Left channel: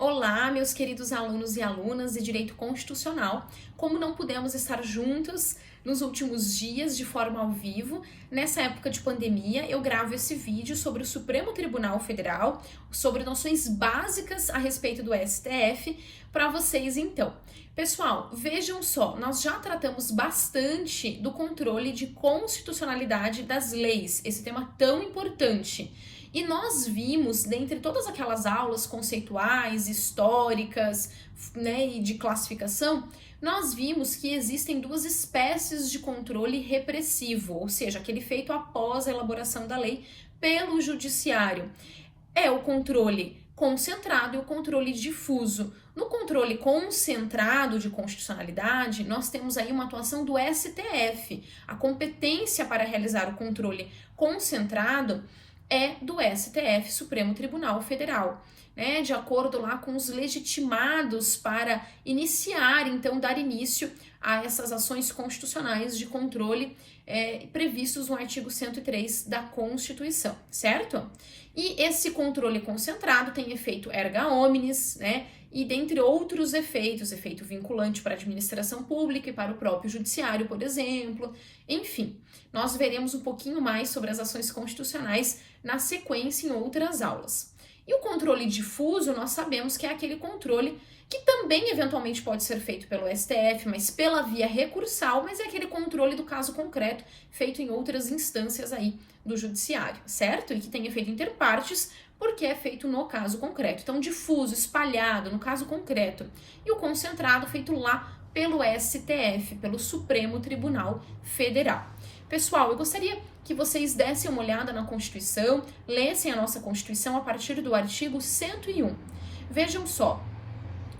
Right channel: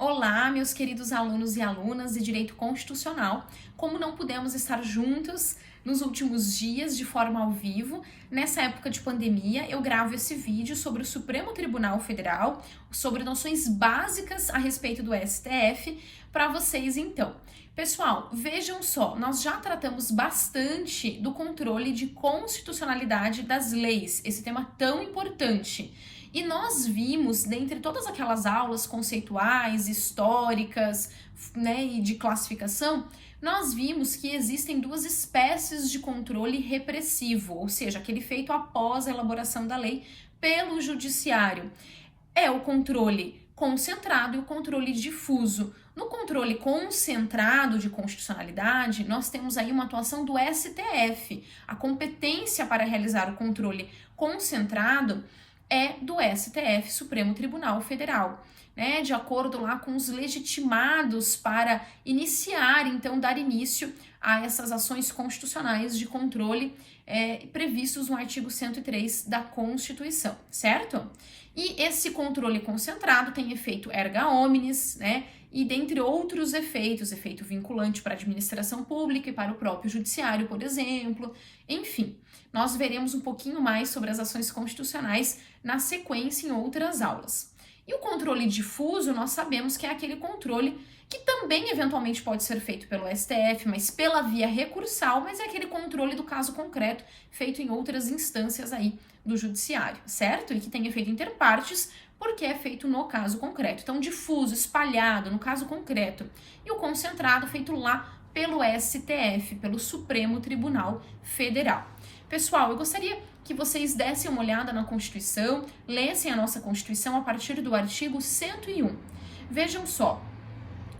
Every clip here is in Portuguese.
Olá, meus queridos alunos e alunas de Direito Constitucional. Como não pudemos estar juntos nos últimos dias de forma ao vivo, nessa época de pandemia, eu gravo esse vídeo sobre o Supremo Tribunal Federal, sobre noções básicas a respeito do STF, para vocês então. Pessoal, vejam só, nós já tratamos bastante do controle de constitucionalidade das leis, esse tema tão importante. E nós vimos, dentre todas aquelas aulas conceituais, históricas, né, e de classificação, nós vimos que existem duas espécies de controle repressivo, ou seja, aquele feito após a elaboração da lei pelo judiciário. É o controle concentrado e o controle difuso. No controle concentrado de constitucionalidade, nós temos aí uma atuação do STF. A competência para realizar o controle concentrado é do STF, Supremo Tribunal Federal, né? De acordo lá com os legitimados para iniciar, então, dar início a essas ações constitucionais de controle previstos no artigo 103 da Constituição, certo? E esse controle concentrado tem efeito erga omnes, né? E dentre outros efeitos, efeito vinculante para a administração pública e para o próprio judiciário, por exemplo. Enfim, nós veremos um pouquinho mais sobre as ações constitucionais na sequência em outras aulas. E o controle difuso, nós sabemos que é aquele controle que também eventualmente pode ser feito pelo STF, mas pela via recursal, mas é aquele controle do caso concreto feito em outras instâncias aí do judiciário, certo? E que tem efeito interpartes, porque é feito no caso concreto. Então, difuso, espalhado, no caso concreto. E o concentrado, feito lá pelo STF, pelo Supremo Tribunal Federal. Pessoal, eu gostaria que vocês dessem uma olhada na Constituição, lessem a nossa Constituição a partir do artigo 101. Vejam só,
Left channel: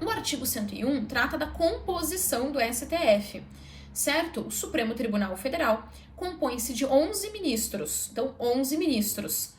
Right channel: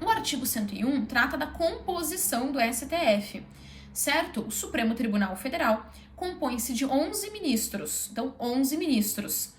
o artigo 101 trata da composição do STF, certo? O Supremo Tribunal Federal compõe-se de 11 ministros, então 11 ministros,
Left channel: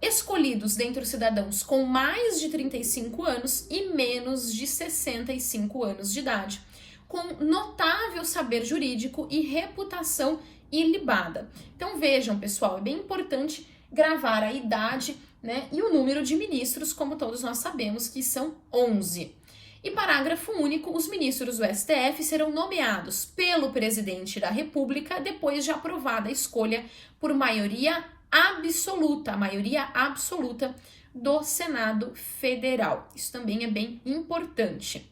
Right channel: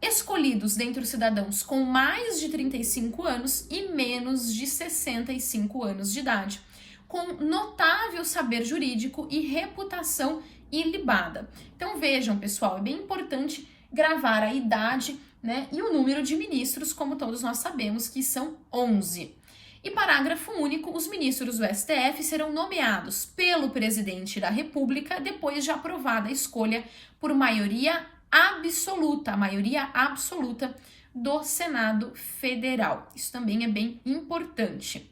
escolhidos dentre os cidadãos com mais de 35 anos e menos de 65 anos de idade, com notável saber jurídico e reputação ilibada. Então vejam, pessoal, é bem importante gravar a idade, né, e o número de ministros, como todos nós sabemos, que são 11. E parágrafo único, os ministros do STF serão nomeados pelo presidente da República depois de aprovada a escolha por maioria absoluta, a maioria absoluta do Senado Federal. Isso também é bem importante.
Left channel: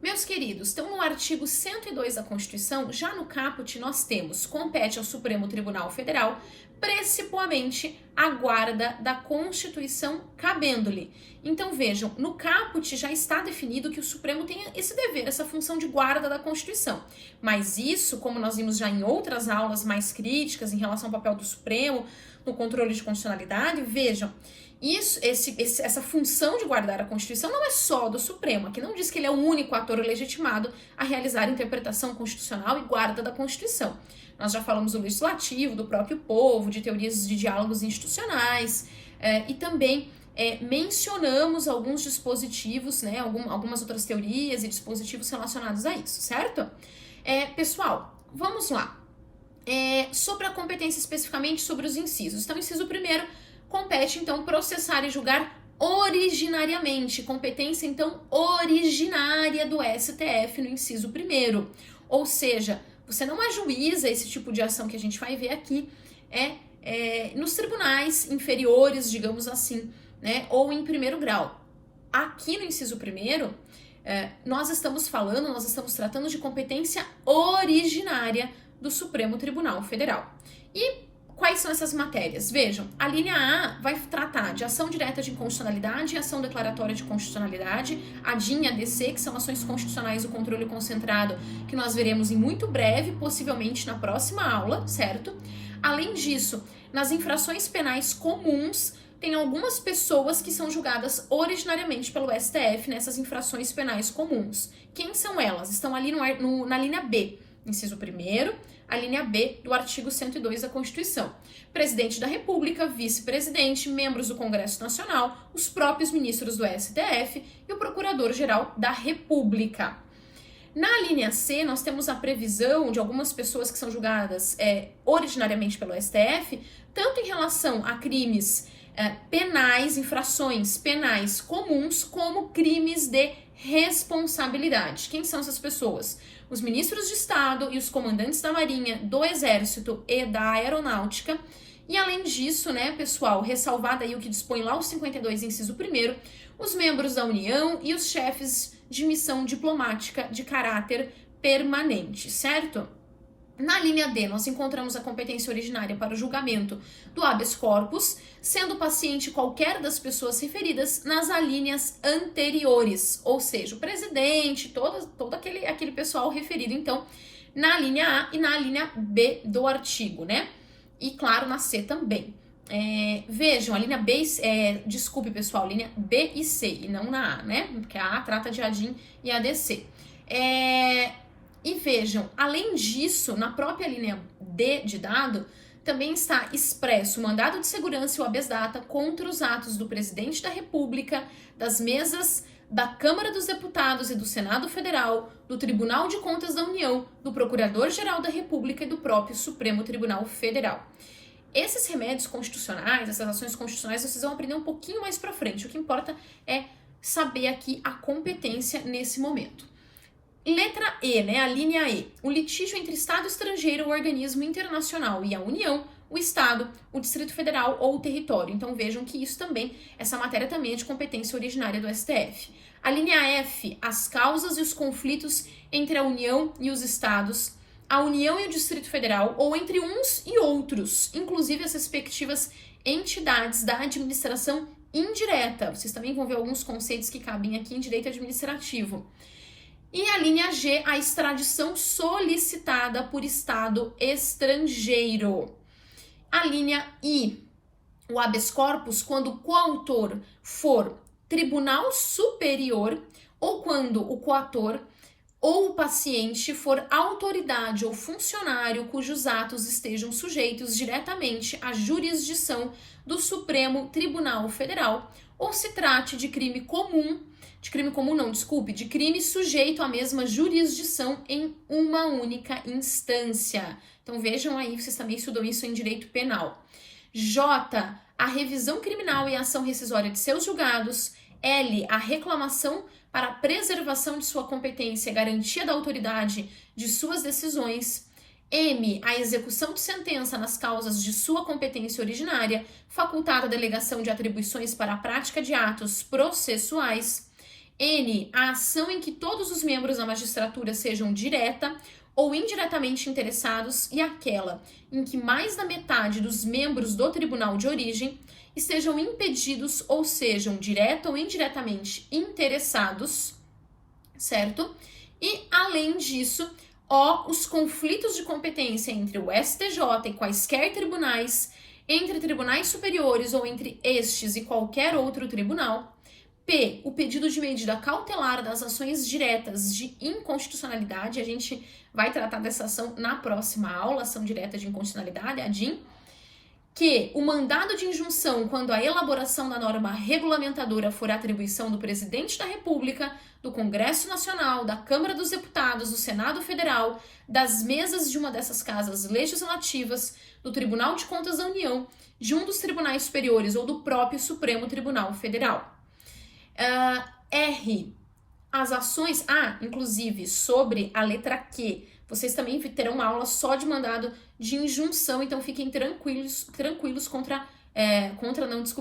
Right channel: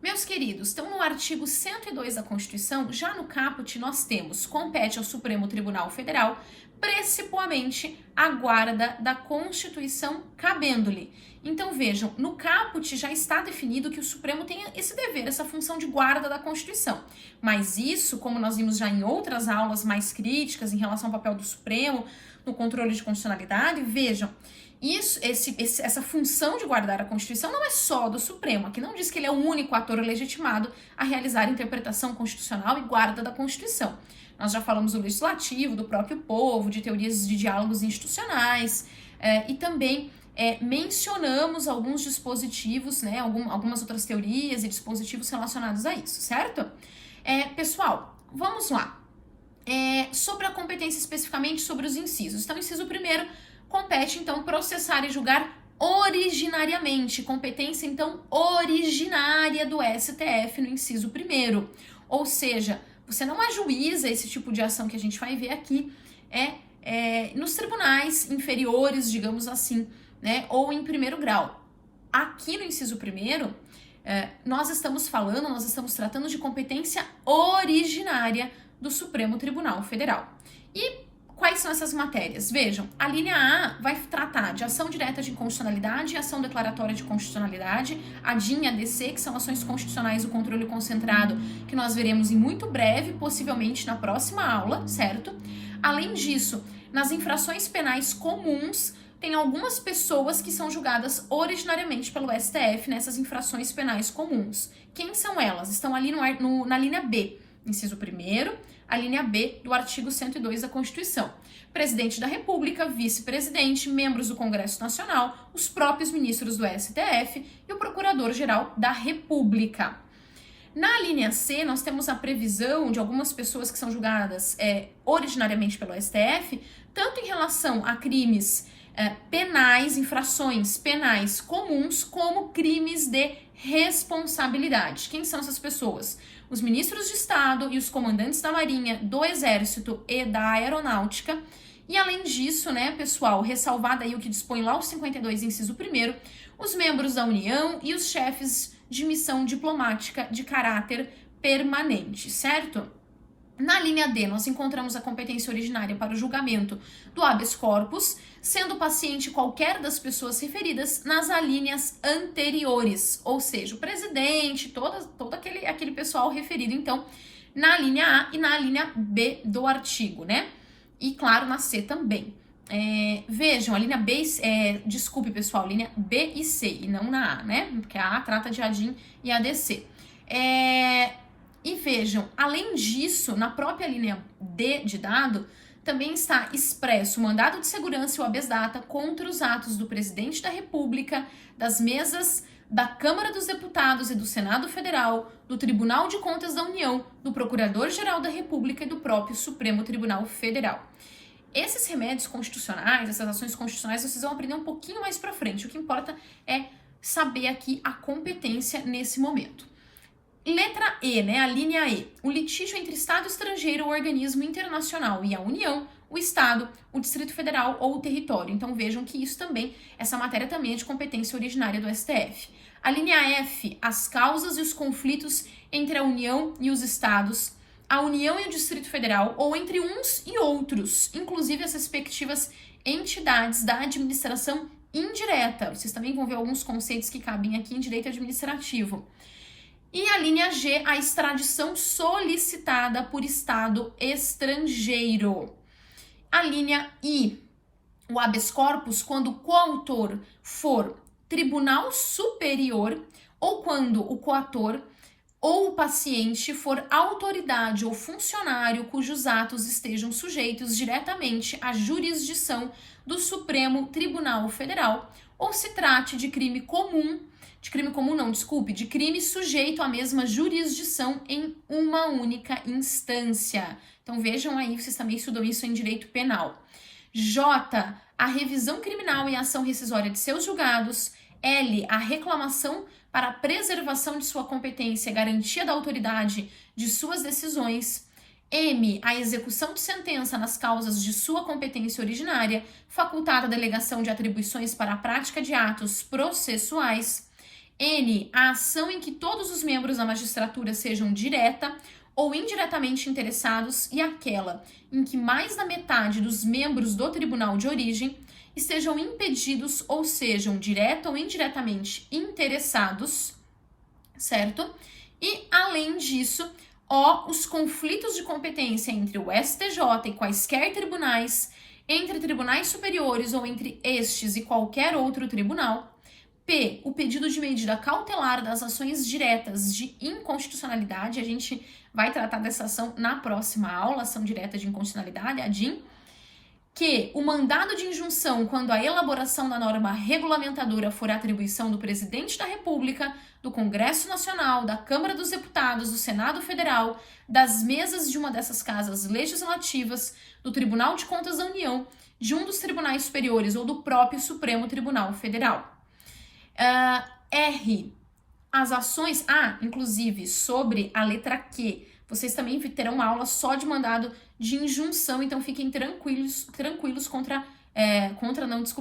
Meus queridos, então no artigo 102 da Constituição, já no caput nós temos, compete ao Supremo Tribunal Federal, precipuamente a guarda da Constituição cabendo-lhe. Então vejam, no caput já está definido que o Supremo tem esse dever, essa função de guarda da Constituição. Mas isso, como nós vimos já em outras aulas mais críticas em relação ao papel do Supremo, no controle de constitucionalidade, vejam, essa função de guardar a Constituição não é só do Supremo, aqui não diz que ele é o único ator legitimado a realizar a interpretação constitucional e guarda da Constituição. Nós já falamos do legislativo, do próprio povo, de teorias de diálogos institucionais, e também mencionamos alguns dispositivos, né, algumas outras teorias e dispositivos relacionados a isso, certo? Pessoal, vamos lá. Sobre a competência especificamente sobre os incisos. Então, o inciso primeiro compete, então, processar e julgar originariamente. Competência, então, originária do STF no inciso primeiro. Ou seja, você não ajuiza esse tipo de ação que a gente vai ver aqui nos tribunais inferiores, digamos assim, né, ou em primeiro grau. Aqui no inciso primeiro, nós estamos tratando de competência originária do Supremo Tribunal Federal. E quais são essas matérias? Vejam, a linha A vai tratar de ação direta de inconstitucionalidade e ação declaratória de constitucionalidade, a DIN e a DC, que são ações constitucionais do controle concentrado, que nós veremos em muito breve, possivelmente na próxima aula, certo? Além disso, nas infrações penais comuns, tem algumas pessoas que são julgadas originariamente pelo STF nessas infrações penais comuns. Quem são elas? Estão ali na linha B, inciso 1º, a linha B do artigo 102 da Constituição. Presidente da República, vice-presidente, membros do Congresso Nacional, os próprios ministros do STF e o Procurador-Geral da República. Na linha C, nós temos a previsão de algumas pessoas que são julgadas originariamente pelo STF, tanto em relação a crimes penais, infrações penais comuns, como crimes de responsabilidade. Quem são essas pessoas? Os ministros de Estado e os comandantes da Marinha, do Exército e da Aeronáutica. E além disso, né, pessoal, ressalvado aí o que dispõe lá o 52, inciso 1º, os membros da União e os chefes de missão diplomática de caráter permanente, certo? Na linha D, nós encontramos a competência originária para o julgamento do habeas corpus, sendo paciente qualquer das pessoas referidas nas alíneas anteriores, ou seja, o presidente, todo aquele pessoal referido, então, na linha A e na linha B do artigo, né? E, claro, na C também. Vejam, a linha B, desculpe, pessoal, linha B e C, e não na A, né? Porque a A trata de ADIM e ADC. E vejam, além disso, na própria linha D de dado, também está expresso o mandado de segurança e o habeas data contra os atos do presidente da República, das mesas da Câmara dos Deputados e do Senado Federal, do Tribunal de Contas da União, do Procurador-Geral da República e do próprio Supremo Tribunal Federal. Esses remédios constitucionais, essas ações constitucionais, vocês vão aprender um pouquinho mais pra frente. O que importa é saber aqui a competência nesse momento. Letra E, né, a linha E. O litígio entre Estado estrangeiro ou organismo internacional e a União, o Estado, o Distrito Federal ou o território. Então vejam que isso também, essa matéria também é de competência originária do STF. A linha F, as causas e os conflitos entre a União e os Estados, a União e o Distrito Federal, ou entre uns e outros, inclusive as respectivas entidades da administração indireta. Vocês também vão ver alguns conceitos que cabem aqui em direito administrativo. E a linha G, a extradição solicitada por Estado estrangeiro. A linha I, o habeas corpus, quando o coautor for Tribunal Superior ou quando o coator ou o paciente for autoridade ou funcionário cujos atos estejam sujeitos diretamente à jurisdição do Supremo Tribunal Federal ou se trate de crime comum, de crime sujeito à mesma jurisdição em uma única instância. Então vejam aí, vocês também estudam isso em direito penal. J, a revisão criminal e a ação rescisória de seus julgados. L, a reclamação para a preservação de sua competência e garantia da autoridade de suas decisões. M, a execução de sentença nas causas de sua competência originária, facultada a delegação de atribuições para a prática de atos processuais. N, a ação em que todos os membros da magistratura sejam direta ou indiretamente interessados e aquela em que mais da metade dos membros do tribunal de origem estejam impedidos ou sejam direta ou indiretamente interessados, certo? E, além disso, os conflitos de competência entre o STJ e quaisquer tribunais, entre tribunais superiores ou entre estes e qualquer outro tribunal. P, o pedido de medida cautelar das ações diretas de inconstitucionalidade. A gente vai tratar dessa ação na próxima aula, ação direta de inconstitucionalidade, a DIN. Q, o mandado de injunção quando a elaboração da norma regulamentadora for atribuição do Presidente da República, do Congresso Nacional, da Câmara dos Deputados, do Senado Federal, das mesas de uma dessas casas legislativas, do Tribunal de Contas da União, de um dos tribunais superiores ou do próprio Supremo Tribunal Federal. R, as ações, inclusive, sobre a letra Q, vocês também terão uma aula só de mandado de injunção, então fiquem tranquilos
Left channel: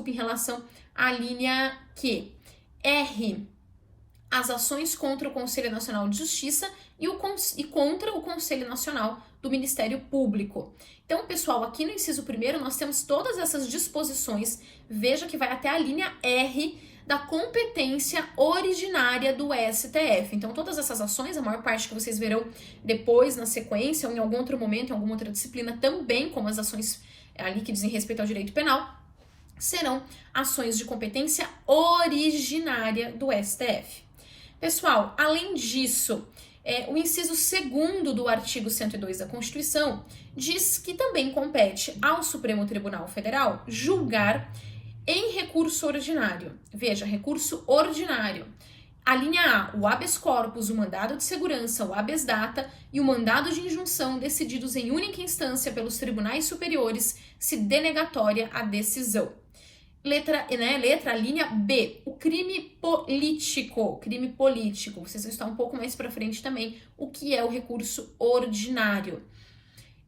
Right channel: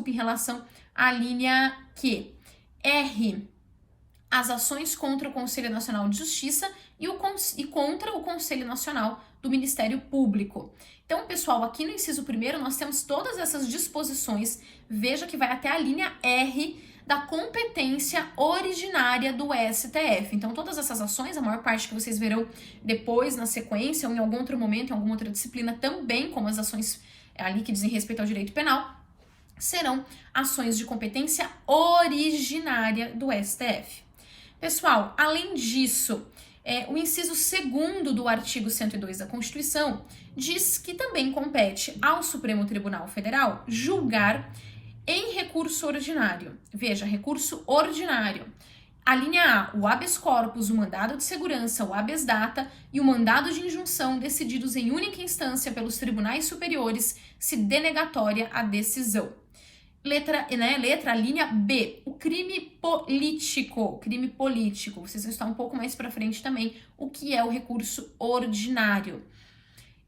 em relação à linha Q. R, as ações contra o Conselho Nacional de Justiça e contra o Conselho Nacional do Ministério Público. Então, pessoal, aqui no inciso 1º nós temos todas essas disposições, veja que vai até a linha R da competência originária do STF. Então, todas essas ações, a maior parte que vocês verão depois, na sequência, ou em algum outro momento, em alguma outra disciplina também, como as ações ali que dizem respeito ao direito penal, serão ações de competência originária do STF. Pessoal, além disso, o inciso 2º do artigo 102 da Constituição diz que também compete ao Supremo Tribunal Federal julgar em recurso ordinário. Veja, recurso ordinário. A linha A, o habeas corpus, o mandado de segurança, o habeas data e o mandado de injunção decididos em única instância pelos tribunais superiores, se denegatória a decisão. Linha B, o crime político. Crime político. Vocês vão estar um pouco mais para frente também o que é o recurso ordinário.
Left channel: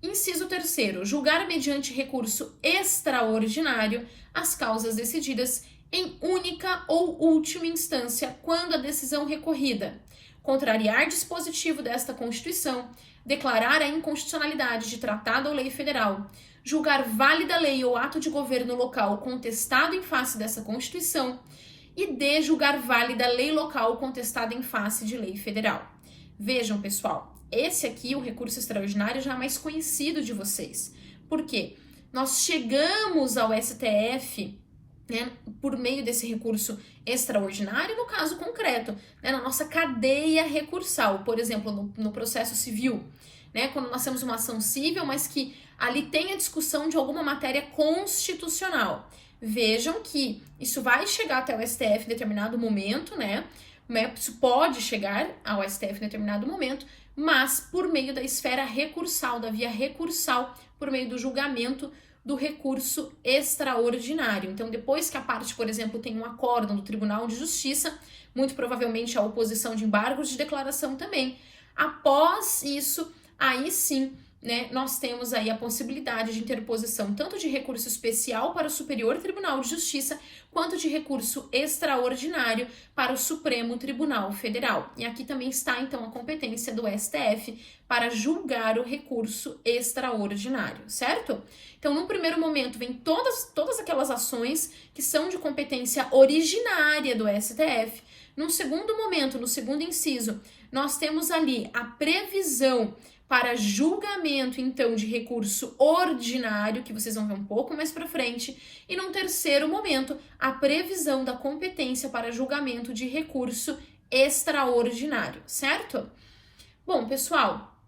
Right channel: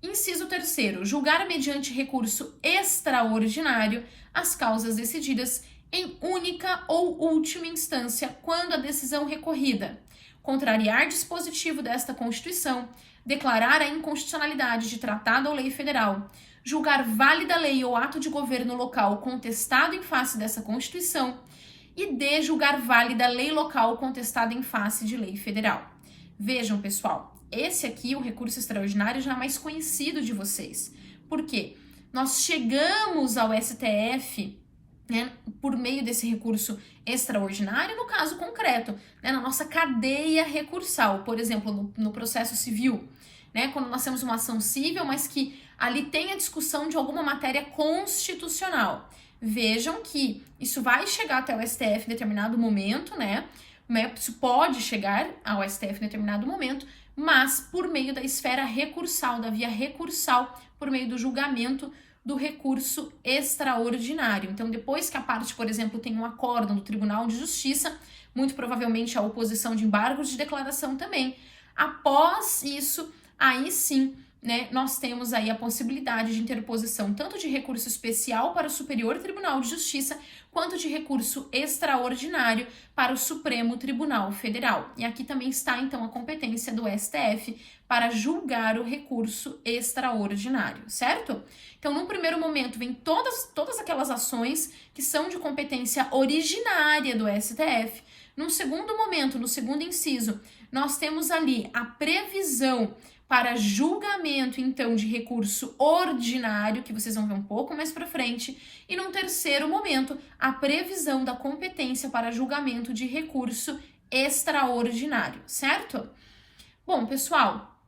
Inciso 3º, julgar mediante recurso extraordinário as causas decididas em única ou última instância quando a decisão recorrida contrariar dispositivo desta Constituição, declarar a inconstitucionalidade de tratado ou lei federal, julgar válida lei ou ato de governo local contestado em face dessa Constituição e D, julgar válida lei local contestada em face de lei federal. Vejam, pessoal, esse aqui, o recurso extraordinário, já é mais conhecido de vocês. Por quê? Nós chegamos ao STF, né, por meio desse recurso extraordinário, no caso concreto, né, na nossa cadeia recursal, por exemplo, no processo civil, né, quando nós temos uma ação civil, mas que ali tem a discussão de alguma matéria constitucional. Vejam que isso vai chegar até o STF em determinado momento, né? Isso pode chegar ao STF em determinado momento, mas por meio da esfera recursal, da via recursal, por meio do julgamento do recurso extraordinário. Então, depois que a parte, por exemplo, tem um acórdão do Tribunal de Justiça, muito provavelmente a oposição de embargos de declaração também. Após isso, aí sim, né, nós temos aí a possibilidade de interposição tanto de recurso especial para o Superior Tribunal de Justiça, quanto de recurso extraordinário para o Supremo Tribunal Federal. E aqui também está, então, a competência do STF para julgar o recurso extraordinário, certo? Então, num primeiro momento, vem todas aquelas ações que são de competência originária do STF. Num segundo momento, no segundo inciso, nós temos ali a previsão para julgamento, então, de recurso ordinário, que vocês vão ver um pouco mais para frente, e num terceiro momento, a previsão da competência para julgamento de recurso extraordinário, certo? Bom, pessoal,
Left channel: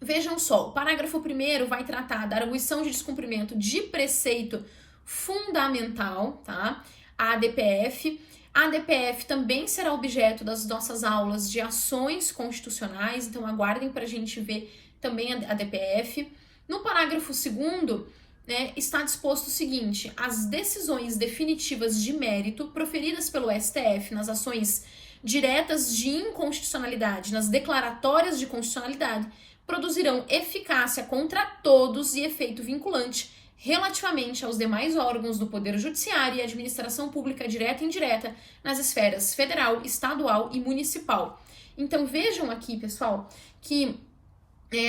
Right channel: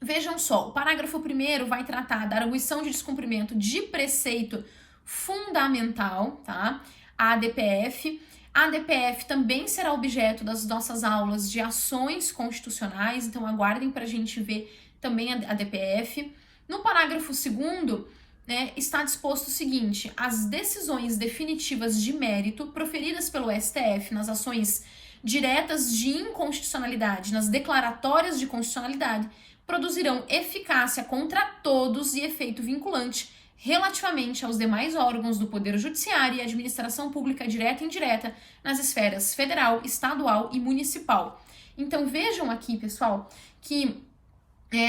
vejam só, o parágrafo 1º vai tratar da arguição de descumprimento de preceito fundamental, tá? A ADPF. A ADPF também será objeto das nossas aulas de ações constitucionais, então aguardem para a gente ver também a ADPF. No parágrafo 2º, né, está disposto o seguinte: as decisões definitivas de mérito proferidas pelo STF nas ações diretas de inconstitucionalidade, nas declaratórias de constitucionalidade, produzirão eficácia contra todos e efeito vinculante relativamente aos demais órgãos do Poder Judiciário e administração pública direta e indireta nas esferas federal, estadual e municipal. Então, vejam aqui, pessoal, que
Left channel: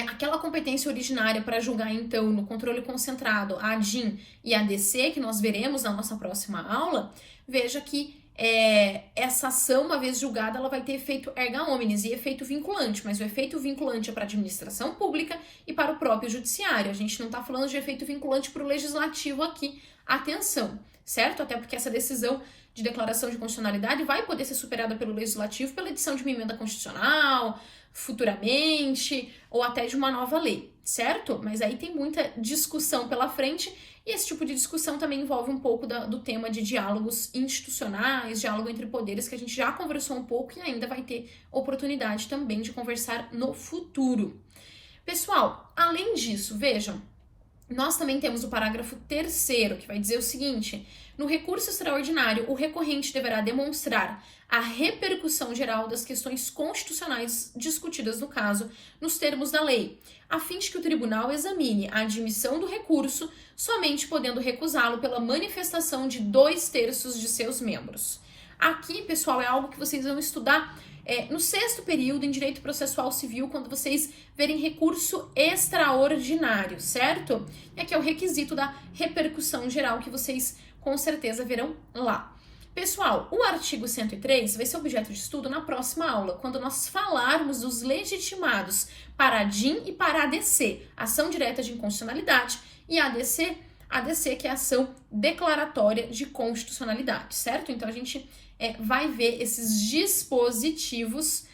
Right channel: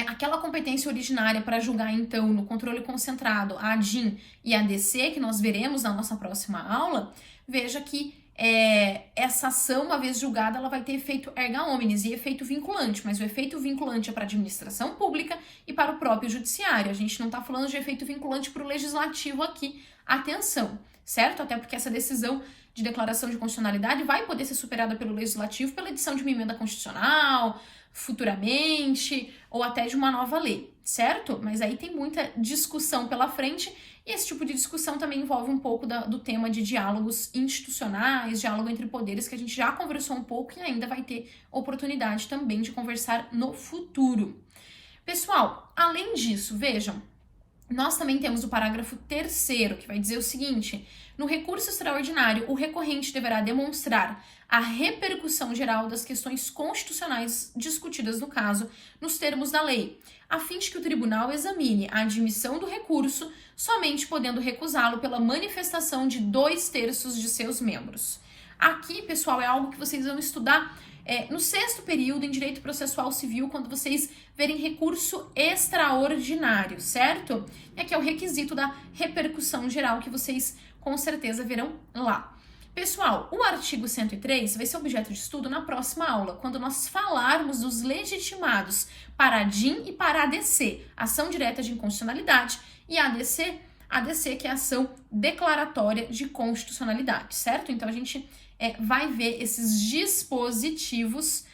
aquela competência originária para julgar, então, no controle concentrado, a ADIM e a ADC, que nós veremos na nossa próxima aula, veja que essa ação, uma vez julgada, ela vai ter efeito erga omnes e efeito vinculante, mas o efeito vinculante é para a administração pública e para o próprio judiciário. A gente não está falando de efeito vinculante para o legislativo aqui, atenção, certo? Até porque essa decisão de declaração de constitucionalidade vai poder ser superada pelo legislativo pela edição de uma emenda constitucional, futuramente, ou até de uma nova lei, certo? Mas aí tem muita discussão pela frente. E esse tipo de discussão também envolve um pouco do tema de diálogos institucionais, diálogo entre poderes, que a gente já conversou um pouco e ainda vai ter oportunidade também de conversar no futuro. Pessoal, além disso, vejam, nós também temos o parágrafo 3º, que vai dizer o seguinte: no recurso extraordinário, o recorrente deverá demonstrar a repercussão geral das questões constitucionais discutidas no caso, nos termos da lei, a fim de que o tribunal examine a admissão do recurso, somente podendo recusá-lo pela manifestação de 2/3 de seus membros. Aqui, pessoal, é algo que vocês vão estudar no 6º período em Direito Processual Civil, quando vocês verem recurso extraordinário, certo? E aqui é o requisito da repercussão geral que vocês com certeza verão lá. Pessoal, o artigo 103 vai ser objeto de estudo na próxima aula, quando nós falarmos dos legitimados para a ADIM e para a ADC, ação direta de inconstitucionalidade, e a ADC que é a ação declaratória de constitucionalidade, certo? Então a gente vai ver esses dispositivos,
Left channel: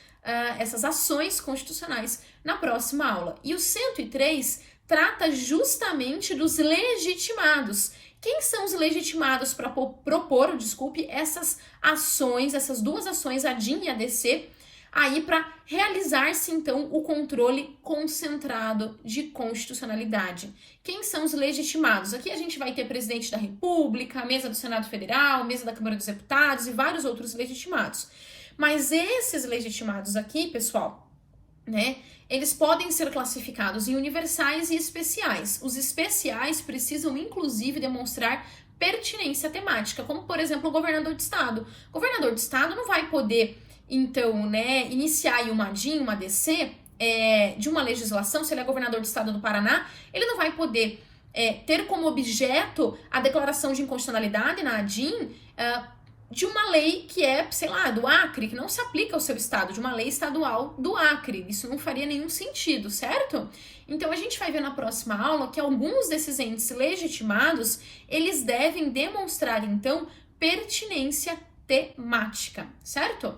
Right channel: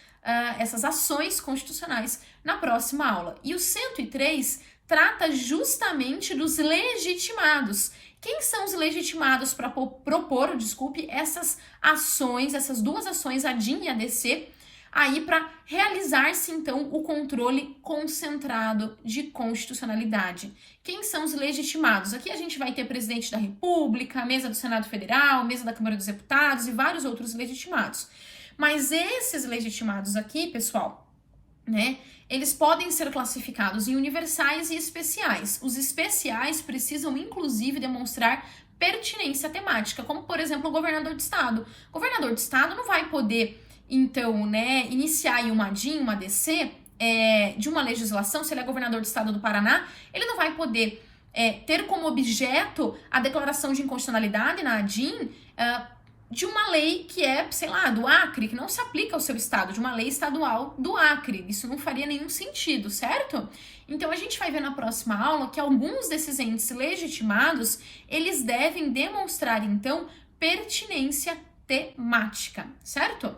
essas ações constitucionais na próxima aula. E o 103 trata justamente dos legitimados. Quem são os legitimados para propor, essas ações, essas duas ações, a ADIM e a ADC? aí para realizar-se então o controle concentrado de constitucionalidade. Quem são os legitimados? Aqui a gente vai ter presidente da República, mesa do Senado Federal, mesa da Câmara dos Deputados e vários outros legitimados. Mas esses legitimados aqui, pessoal, né, eles podem ser classificados em universais e especiais. Os especiais precisam, inclusive, demonstrar pertinência temática, como, por exemplo, o governador de estado. O governador de estado não vai poder, então, né, iniciar aí uma DIN, uma DC, de uma legislação. Se ele é governador do estado do Paraná, ele não vai poder ter como objeto a declaração de inconstitucionalidade na ADIM de uma lei que é, sei lá, do Acre, que não se aplica ao seu estado, de uma lei estadual do Acre. Isso não faria nenhum sentido, certo? Então, a gente vai ver na próxima aula que alguns desses entes legitimados, eles devem demonstrar, então, pertinência temática, certo?